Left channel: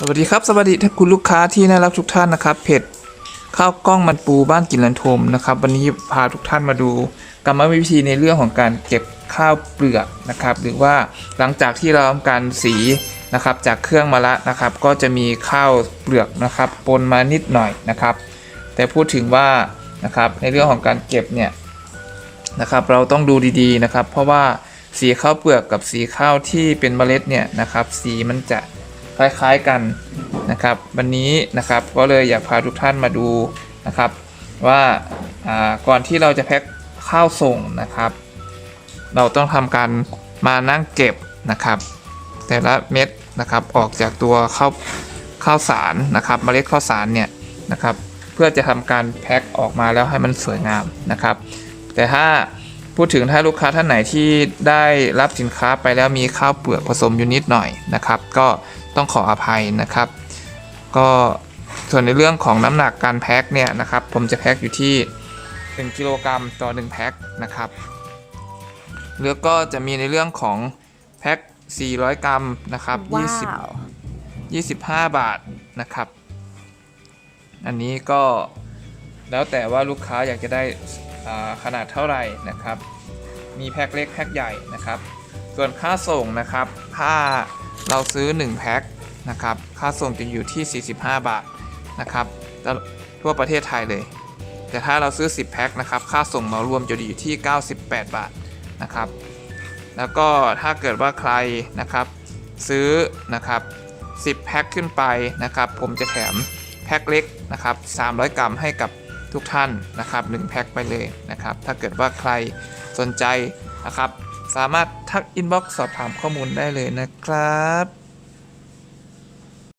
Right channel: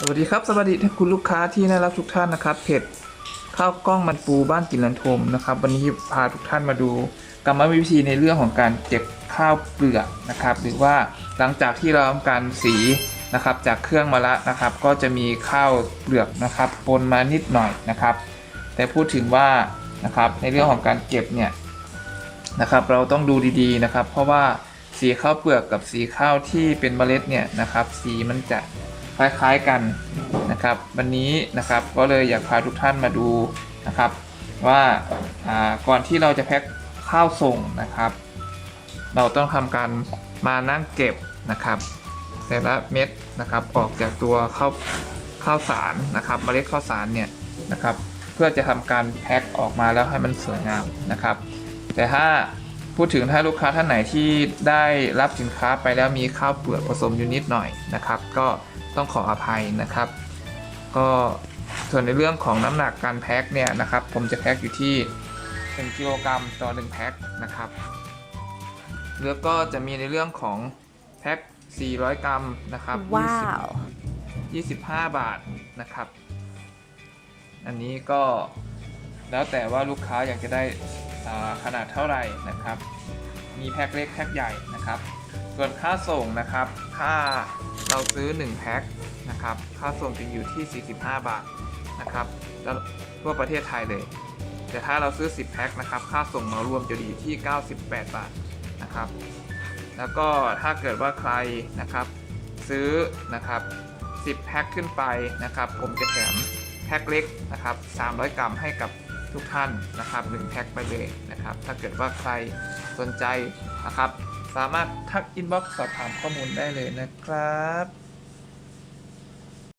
สวัสดีครับสวัสดีท่านคุณลูกค้าที่น่ารักทุกท่านนะครับเพจข้าวกล้องมันปูบ้านกินลันทมนะครับ วันนี้พาทุกท่านมาดูกรรมวิธีในเรื่องของการเก็บข้าวเปลือกนะครับ หรือว่าหลังจากที่เราทำการสีนะครับ จากเครื่องมาละนะครับ ก็จะมีข้าวเปลือกนะครับปนมานิดหน่อยนะครับ แต่พูดถึงว่านะครับในเรื่องของการเก็บเนี่ยนะครับ เราต้องดูดีๆนะครับ เพราะว่าสีข้าวเปลือกกับสีข้าวที่เป็นเมล็ดเนี่ยนะครับ สีมันจะ คล้ายๆกันนะครับ วันนี้นะครับก็เลยอยากพาทุกท่านมาดูนะครับ ว่าก่อนที่เราจะแพ็คข้าวส่งนะครับ เราต้องทำการมานั่งเก็บนะครับ แต่ละเม็ดนะครับออกจากตัวข้าวข้าวสารนะครับเมล็ดข้าวสารเนี่ยนะครับ เพื่อจะทำการแพ็คออกมาแล้วให้มันสวยงามนะครับ แต่ถ้า พูดถึงถ้าลูกค้าท่านไหนที่ได้รับสินค้าไปแล้วมีข้าวเปลือกผสมอยู่นิดหน่อยนะครับ ก็ต้องขออภัยนะครับ ก็ส่วนในเรื่องของน้ำหนักการแพ็คเนี่ยนะครับ ผมจะแพ็คอยู่ที่ 1กิโลกรัมต่อ1แพ็คนะครับแล้วก็จะมีในเรื่องของแพ็ค400 กรัมนะครับว้า20ว25 บาทนะครับ อันนี้ก็ แล้วแต่ว่าลูกค้าอยากจะได้ขนาดเท่าไหร่นะครับ มีแพ็คเล็กแพ็คใหญ่นะครับ ส่วนค่าส่งนะครับ ถ้าเราซื้อ 1 แพ็คนะครับ ค่าส่งจะอยู่ที่ 45 บาทนะครับทั่วประเทศไทยเลย แต่ถ้าเราซื้อ 10 แพ็คนะครับ ค่าส่งเหมารวมจะอยู่ที่ 98 บาทนะครับ แล้วก็ถ้าเกิดว่าใครนะครับซื้อนะครับ 10 แพ็คขึ้นไปนะครับ ผมจะแถมแพ็คเล็กนะครับ 300 กรัมให้กับ ทุกท่านนะครับ1แพ็คไปเลยนะครับ ถ้าเกิดว่าใครสนใจนะครับ สามารถทักอินบ็อกซ์สอบถามข้อมูลได้เลยนะครับ